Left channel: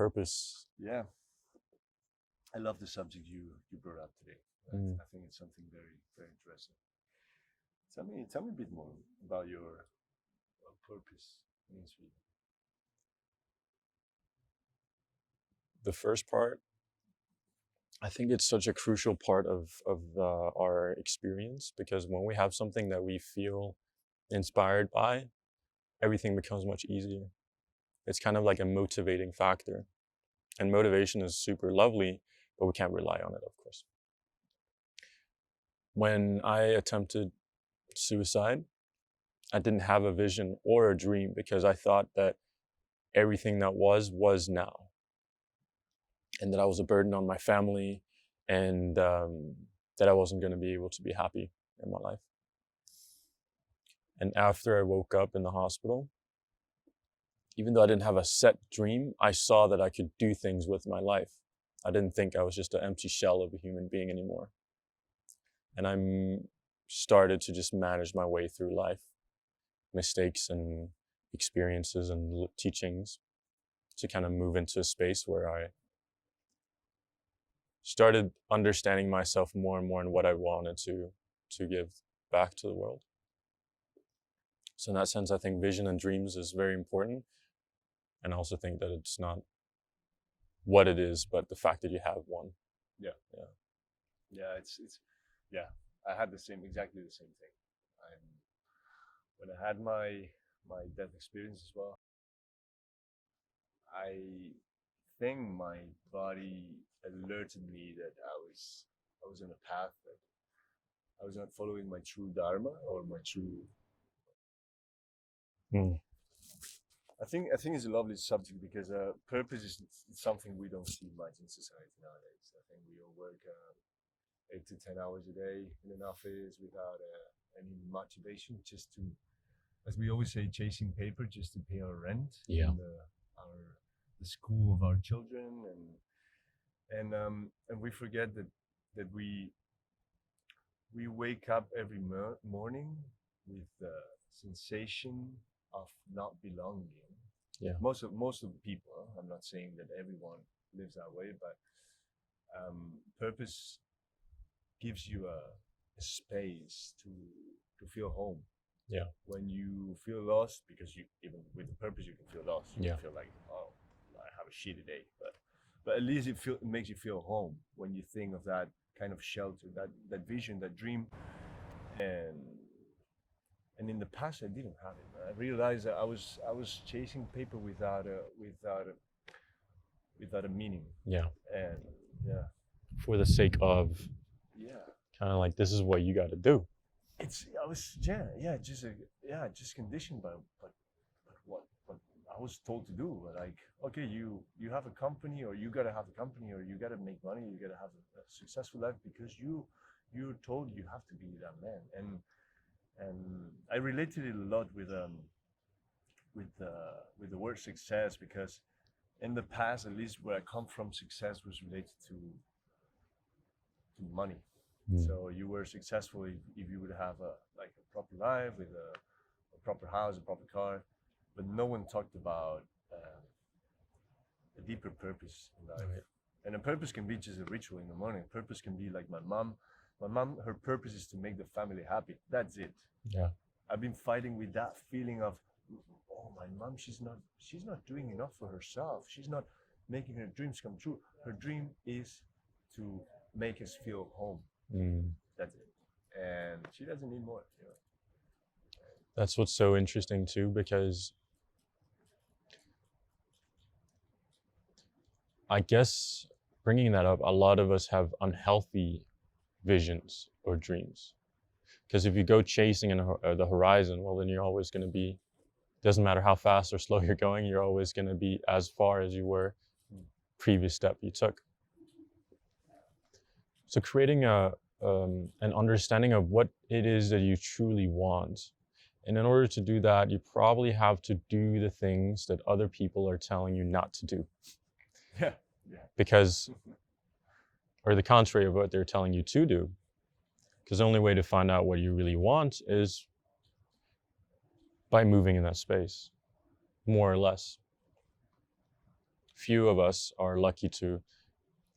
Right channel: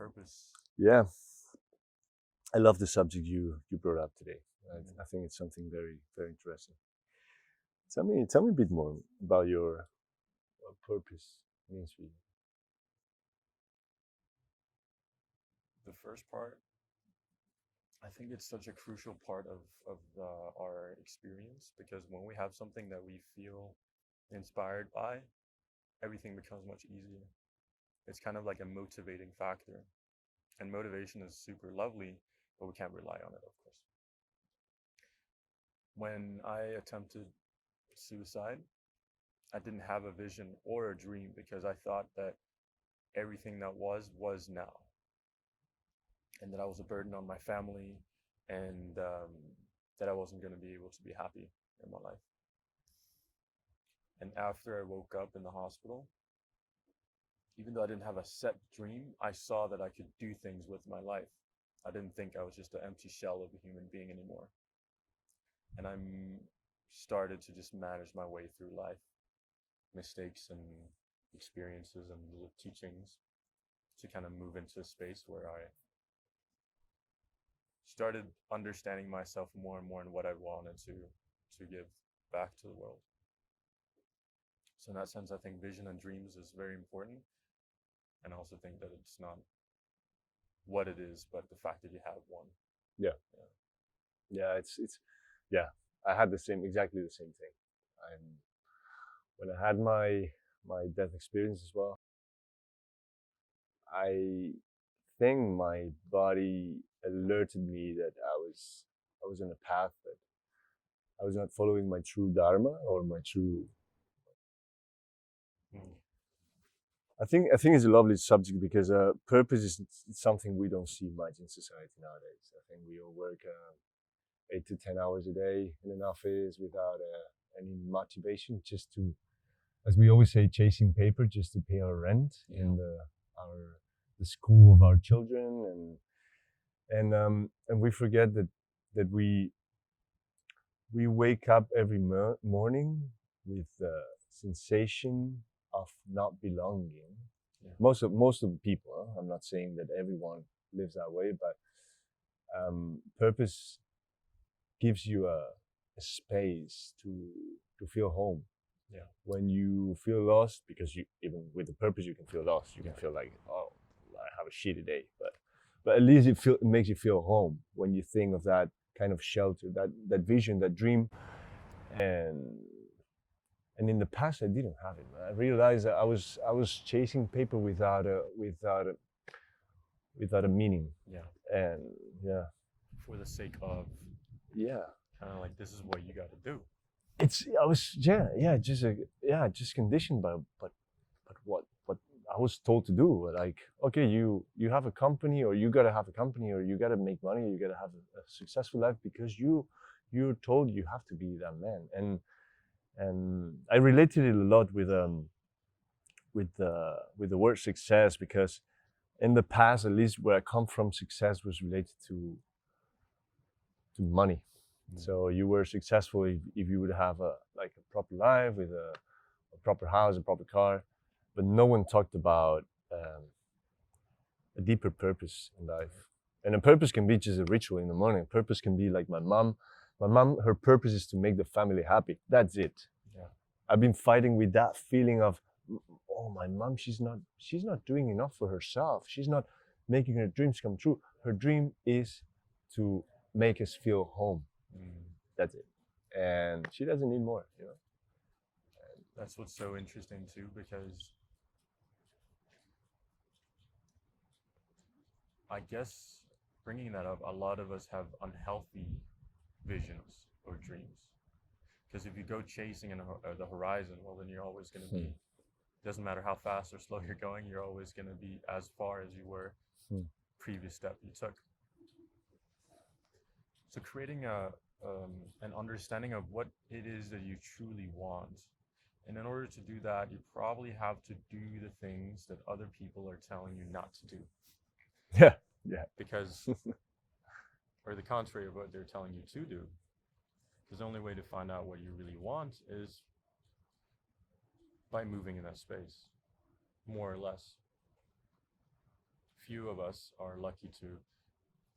purpose. Yeah, I love the subject you brought up today. I think it's something very, very interesting. Tell me a bit more about your what purpose means for you. The first part, I think it's such a crucial part of our experience, because when we have something that we feel inspired by, everything becomes much easier. It's kind of like a motivating factor. And motivation is super lovely, but we can't rely on it, of course. When I attempted suicide, I didn't have a vision or a dream, because I thought that everything that was now, and that I was a burden on my family, and that I wasn't going to be able to be happy in my life. And after I woke up in the hospital, even though I didn't have a set dream, I saw that I could do things with my life. I didn't think I was just an empty shell of a human being anymore. And I started to just manage my way through life, mistakes and experiences and teachings, to kind of move into a space where I started understanding myself more and more and what I wanted to give back to the world. So in that sense, I think vision and dreams is very important. And I also think that it's not what it is, but the fact that you have one. Yeah. It's yeah. I had exactly the same thing. When I had my death experience as well, I think my body alerted me that I was on a path that I was not following my true dharma or my true. I think it's a lovely subject, because purpose is something we don't see much in society nowadays. I think we all work 8 to 10 hours a day in an office without any motivation, just to, as we always say, chasing paper just to pay our rent and the school of our children, and we forget that we wake up every morning with the sensation of not belonging. Yeah. Most of the people. I'm not saying that everyone lives that way, but purpose gives you a space to feel home. Yeah. When you feel lost, because you, even with the purpose, you can feel lost. You Yeah. can feel like, oh, I have a shitty day, but at least it makes you feel home when you think of that kind of shelter, that vision, that dream, and in the past I didn't have it. I realized that I was chasing paper without a meaning. Yeah. And yeah, For the sake of yeah, kind of like, this is what you got to do. I was just conditioned by but what I was told to do. Like, okay, you have a company, or you gotta have a company, or you gotta make money, or you gotta have a successful life, because you're told you have to be that man. And I related it a lot with the word success, because in the past, at least where I come from, success was related to money. So you were successful if you would have a proper life with a proper house, a proper car, but no one talked about a deeper purpose in life. Right. And a purpose can be just a ritual in the morning. A purpose can be like my mom. My mom, her purpose is to make the family happy. That's it. Yeah. I've been fighting with that feeling of, oh, my mom, she's not doing enough for herself. She's not making her dreams come true. Her dream is to make us feel home. That's it. And she doesn't need more, you know. That's what's so interesting too, because I guess bringing that up, a lot of us have unhealthy visions or dreams. Because if you go chasing in the horizon, well, then you're always going to be, doesn't matter how fast or slow you're going, you're always going to be as far as you were previous step you took. So creating an understanding of what it is that you truly want. And in order to do that, you probably have to do the things that other people are telling you not to do. Yeah. Because, or the contrary of what they're telling you to do. Because the only way to find out what you really want is by moving in that space, more or less. few of us are lucky to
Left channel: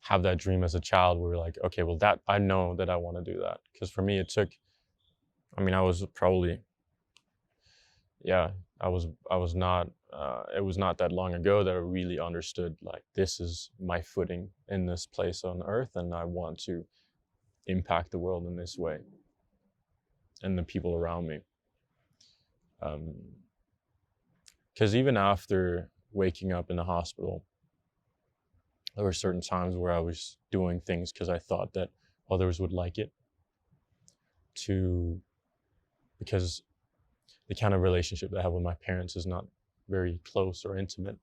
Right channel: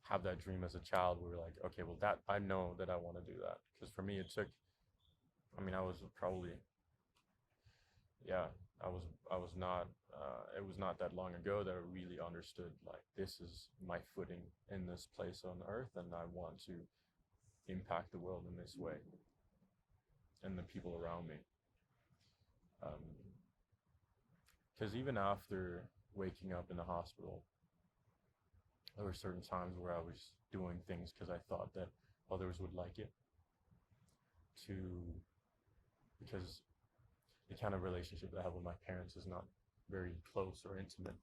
have that dream as a child where we're like, okay, well, that I know that I want to do that. Because for me, it took, I mean, I was probably, yeah, I was not, it was not that long ago that I really understood, like, this is my footing in this place on earth, and I want to impact the world in this way and the people around me. Because even after waking up in the hospital, there were certain times where I was doing things because I thought that others would like it, because the kind of relationship that I have with my parents is not very close or intimate.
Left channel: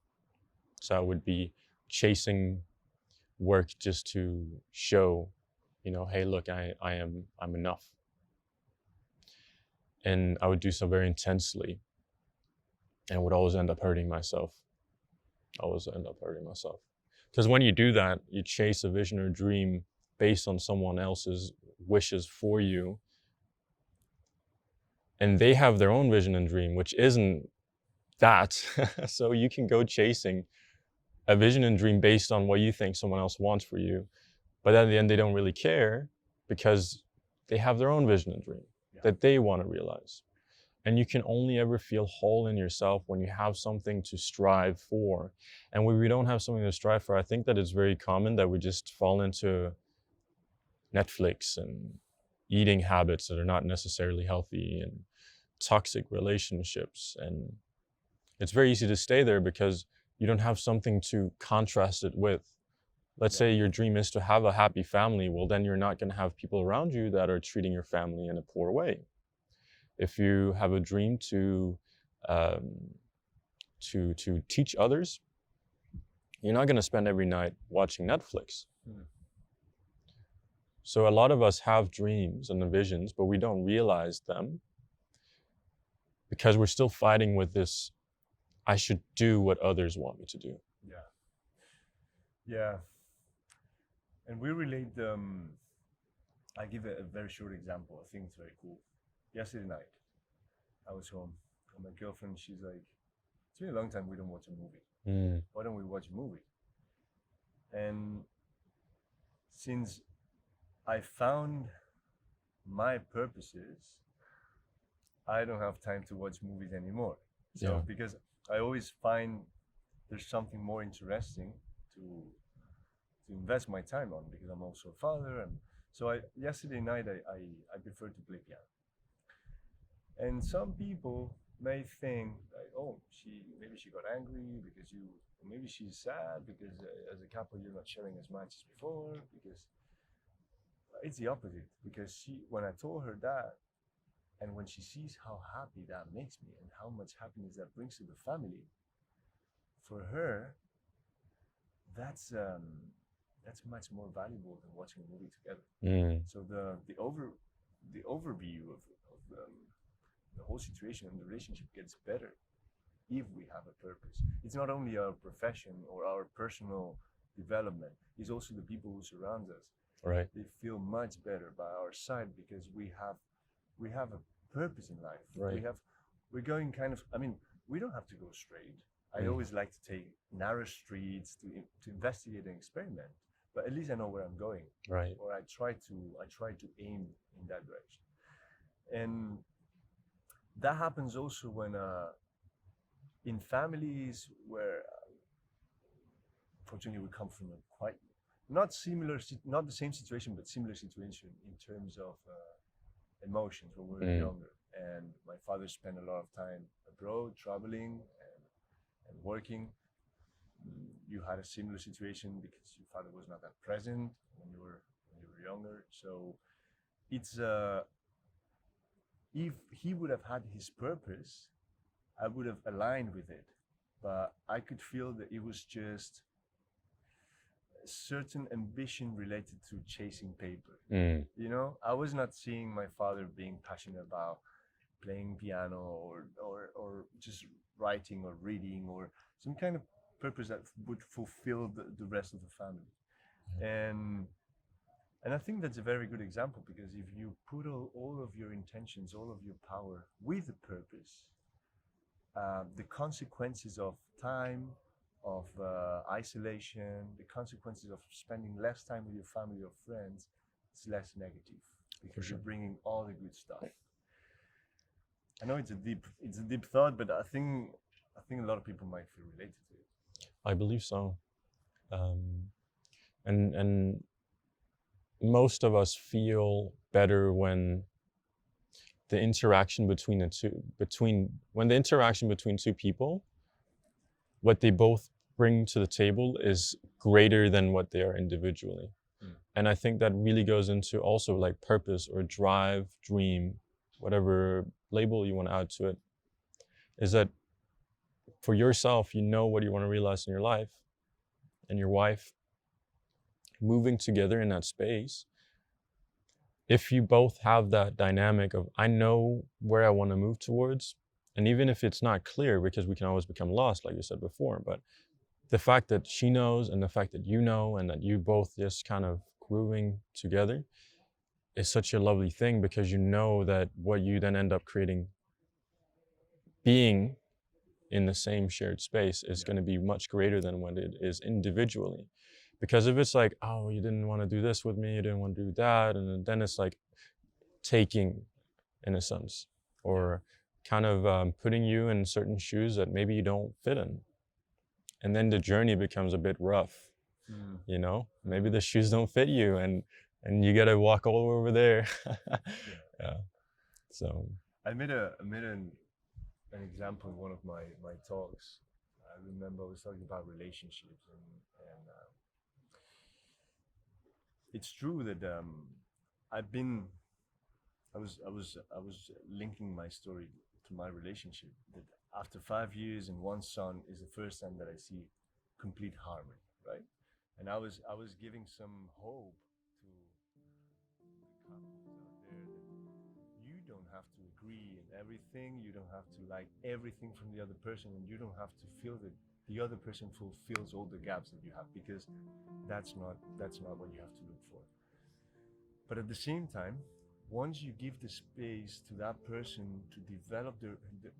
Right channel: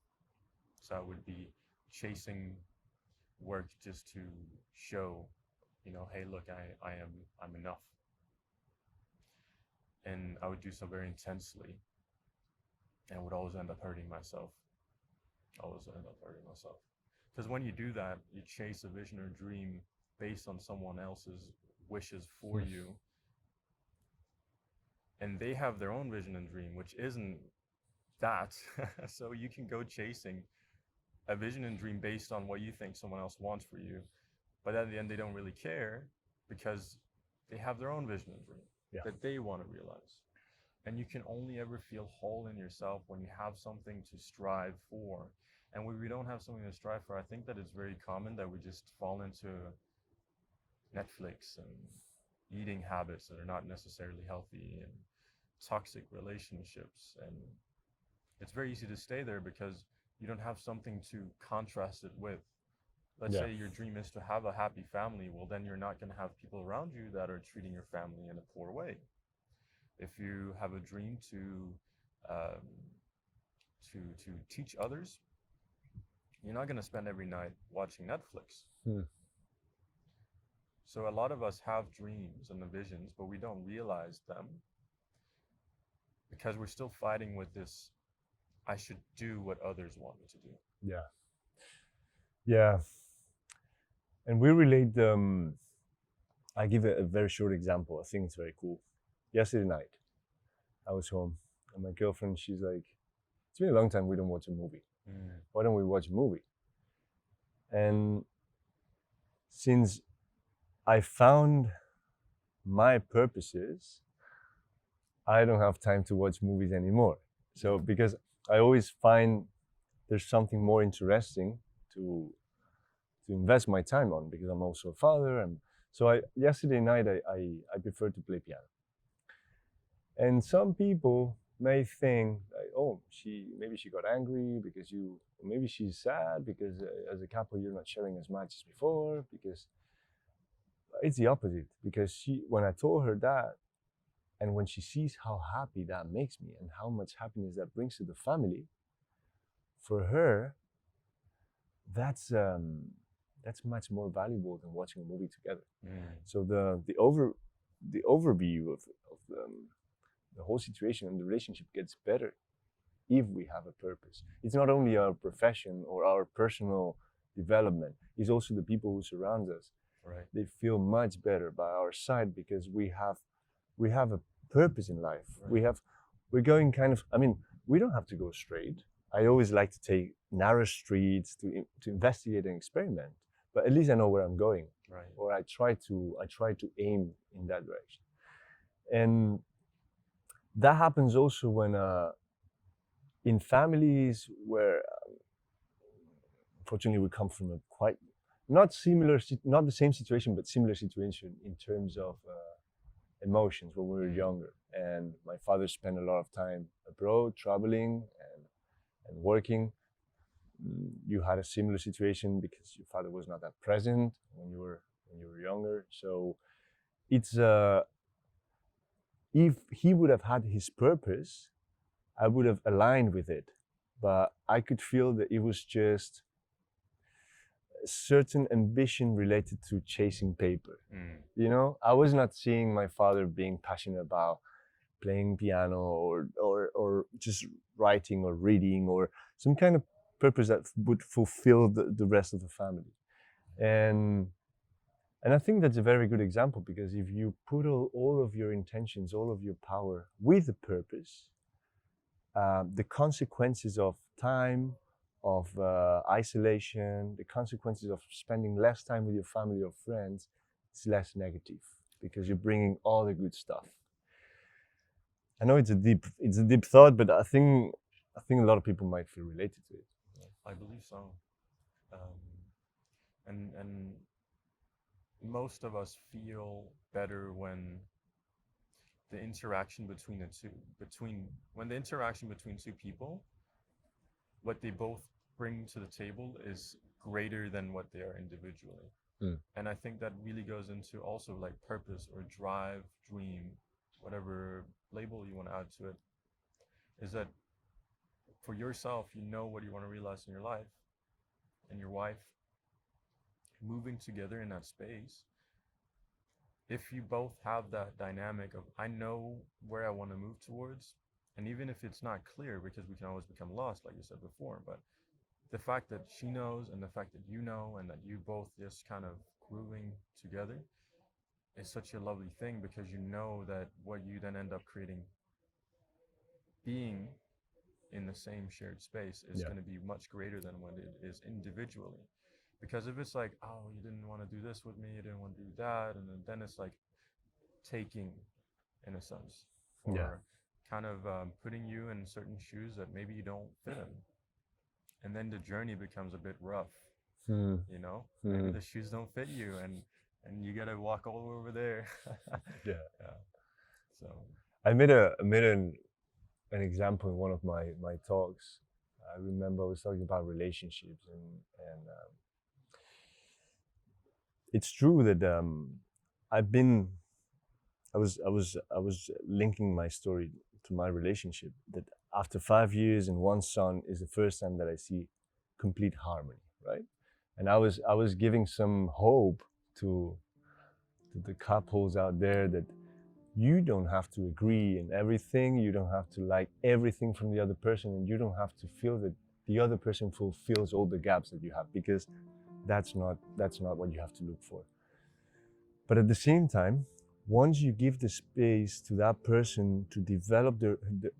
So I would be chasing work just to show, hey, look, I'm enough. And I would do so very intensely and would always end up hurting myself. Because when you do that, you chase a vision or dream based on someone else's wishes for you. And they have their own vision and dream, which isn't that. So you can go chasing a vision and dream based on what you think someone else wants for you. But at the end, they don't really care because they have their own vision and dream that they want to realize. And you can only ever feel whole in yourself when you have something to strive for. And when we don't have something to strive for, I think that it's very common that we just fall into Netflix and eating habits that are not necessarily healthy and toxic relationships. And it's very easy to stay there because you don't have something to contrast it with. Let's say your dream is to have a happy family. Well, then you're not going to have people around you that are treating your family in a poor way. If you have a dream to teach others, you're not going to spend every night watching Netflix. So a lot of us have dreams and visions, but we don't realize them because we're still fighting with this, I should do what others want me to do. Yeah. And we relate, I give a very short example. I think it's very cool. Yesterday night, I was home and my girlfriend, she's like, it's been a long time we don't watch a movie. Why don't we watch a movie? And since I found my purposes, I don't have time to watch movies anymore. So because I always find there's something more interesting to invest my time on, because I'm also a father. And so yesterday night, I prefer to play piano. And some people may think, like, oh, maybe she got angry because maybe she's sad because as a couple you're not sharing as much as before. Because it's the opposite. Because when I told her that, and when she sees how happy that makes me and how much happiness that brings to the family, for her, that's much more valuable than watching a movie together. So the overview of the whole situation and the relationship gets better if we have a purpose. It's not only our profession or our personal development, it's also the people who surround us. Right. They feel much better by our side because we have a purpose in life. Right. We're going kind of, I mean, we don't have to go straight. I always like to take narrow streets to investigate and experiment, but at least I know where I'm going. Right. Or I try to aim in that direction. And that happens also when in families where unfortunately we come from a quite not the same situation, but similar situation in terms of emotions when we were younger. And my father spent a lot of time abroad, traveling and working. You had a similar situation because your father was not that present when you were younger. So it's if he would have had his purpose, I would have aligned with it. But I could feel that it was just a certain ambition related to chasing paper. You know, I was not seeing my father being passionate about playing piano or just writing or reading or some kind of purpose that would fulfill the rest of the family. And I think that's a very good example, because if you put all of your intentions, all of your power with a purpose, the consequences of time, of isolation, the consequences of spending less time with your family or friends, it's less negative because you're bringing all the good stuff. I know it's a deep thought, but I think a lot of people might feel related to it. I believe so. And most of us feel better when the interaction between two people, what they both bring to the table is greater than what they are individually. And I think that really goes into also like purpose or drive, dream, whatever label you want to add to it, is that for yourself, you know what you want to realize in your life, and your wife moving together in that space. If you both have that dynamic of, I know where I want to move towards, and even if it's not clear, because we can always become lost, like you said before, but the fact that she knows and the fact that you know and that you both just kind of grooving together is such a lovely thing, because you know that what you then end up creating, being in the same shared space, is going to be much greater than what it is individually. Because if it's like, oh, you didn't want to do this with me, you didn't want to do that, and then it's like taking, in a sense, or kind of putting you in certain shoes that maybe you don't fit in. And then the journey becomes a bit rough, you know? Maybe the shoes don't fit you, and you got to walk all over there. Yeah. So I made an example in one of my talks. I remember I was talking about relationships, and it's true that I was linking my story to my relationship, that after 5 years and one son is the first time that I see complete harmony, right? And I was giving some hope to the couples out there that you don't have to agree in everything, you don't have to like everything from the other person, and you don't have to feel that the other person fulfills all the gaps that you have, because that's not what you have to look for. But at the same time, once you give the space to that person to develop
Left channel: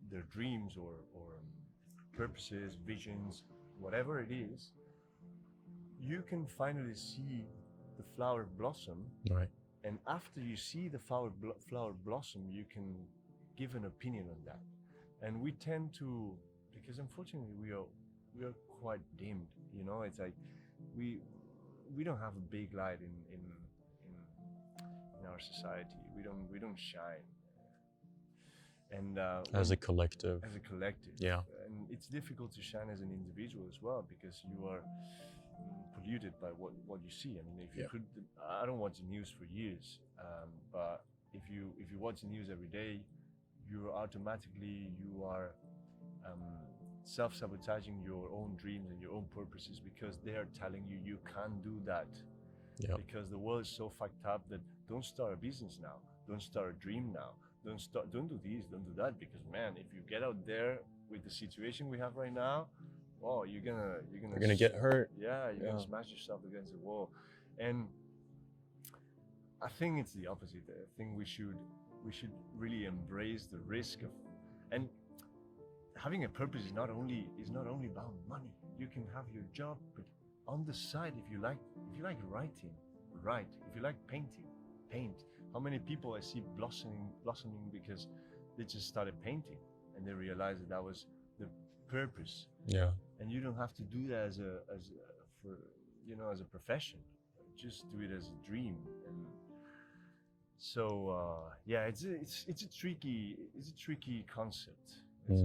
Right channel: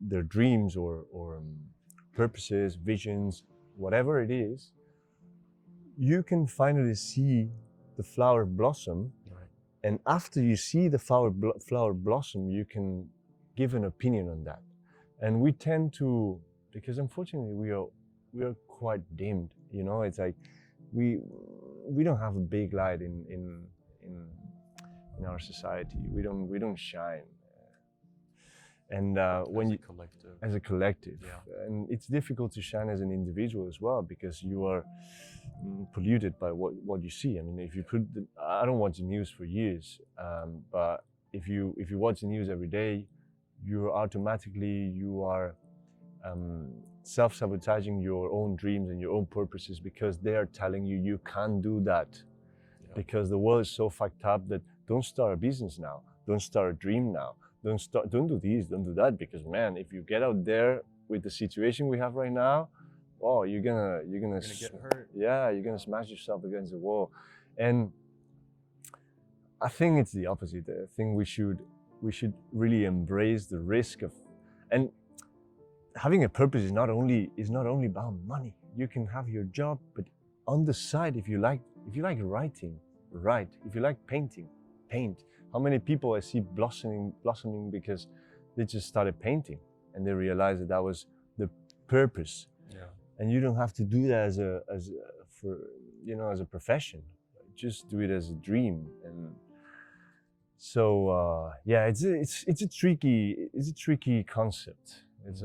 their dreams or purposes, visions, whatever it is, you can finally see the flower blossom. right. And after you see the flower blossom, you can give an opinion on that. And we tend to, because unfortunately we are quite dimmed. You know, it's like we don't have a big light in our society. We don't shine. And As a collective. As a collective. Yeah. And it's difficult to shine as an individual as well, because you are polluted by what you see. I mean, if you could, I don't watch the news for years, but if you watch the news every day, you are self-sabotaging your own dreams and your own purposes, because they are telling you can't do that. Yeah. Because the world is so fucked up that don't start a business now, don't start a dream now, don't do this, don't do that, because man, if you get out there with the situation we have right now, oh, you're gonna get hurt. Yeah, you're gonna smash yourself against the wall. And I think it's the opposite. I think we should really embrace the risk of, and having a purpose is not only about money. You can have your job, but on the side, if you like writing, write. If you like painting, paint. How many people I see blossoming because they just started painting and they realized that was the purpose. Yeah. And you don't have to do that as a profession. Just do it as a dream. And so it's a tricky concept. It's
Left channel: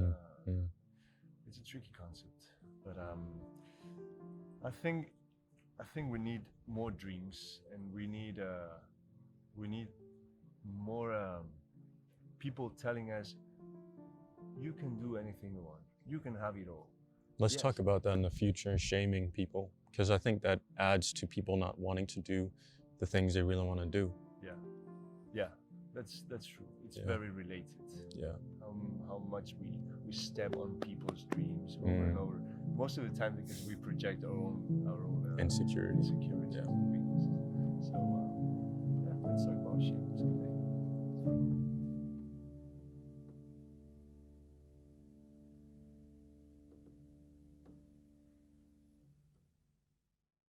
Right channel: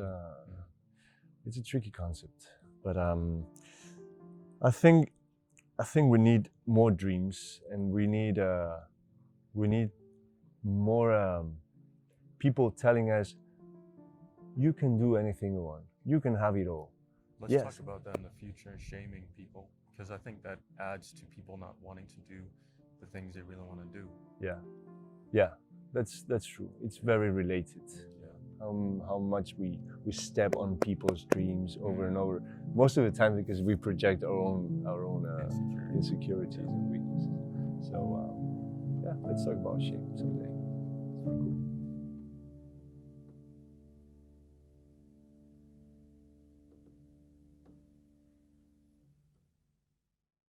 a tricky concept. But I think we need more dreams, and we need more people telling us, you can do anything you want. You can have it all. Let's talk about that in the future, shaming people, because I think that adds to people not wanting to do the things they really want to do. Yeah, that's true. It's very related. Yeah. How much we step on people's dreams over and over. Most of the time because we project our own insecurities and weaknesses. So let's talk about shame someday.